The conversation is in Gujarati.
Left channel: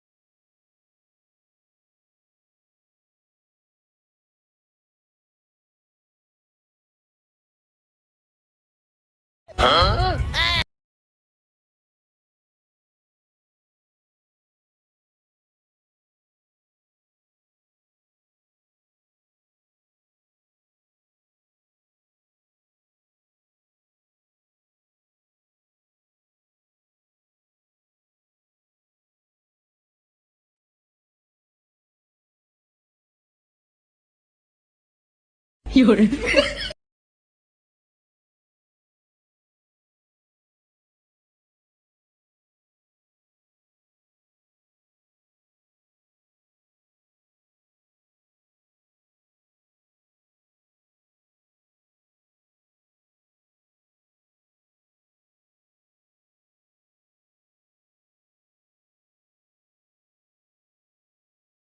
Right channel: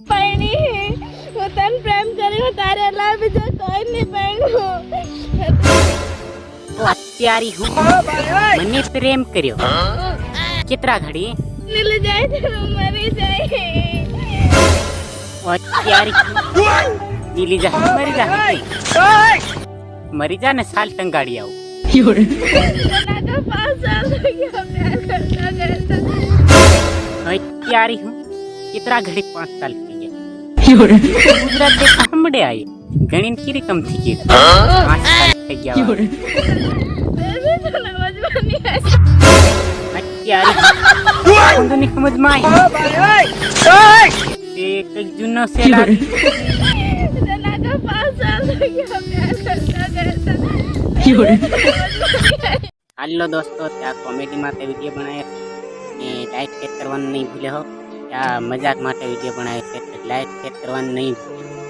पैणी હું તને પ્રેમ કર્યો તારે અલાવા બીજો કોઈ નહીં પૈણું અત્યારે હું મને પ્રેમ કર્યો કેટલા ઘડી નીલી જાય તો મરી જાય અત્યારે નીલી જા મરી જા ને સાલ ટંગાડી આવું ના તો 5 સાલ થઈ ગયા પ્યાર કરતા કરતા અત્યારે હું કેટલા ઘડી 5 સાલ થઈ ગયા ગુજરાત દે સાંભળે આઈ ગણીન की रकम थी के 5 साल થઈ ગયા બેબી તો સમજવાની અત્યારે ની સમજમાં આવી તે કઈ જૂનો સેલા ના તો 5 સાલ થઈ ગયા પ્યાર કરતા કરતા હાલો દોસ્તો ત્યાં કોમેડી માટે વિડીયો બનાવ્યો ને લાઈક શેર કરવાનું નહીં ભૂલે હો ત્યાં મજાક માટે વિડીયો બનાવ્યો છે લાઈક શેર કરવાનું નહીં ભૂલે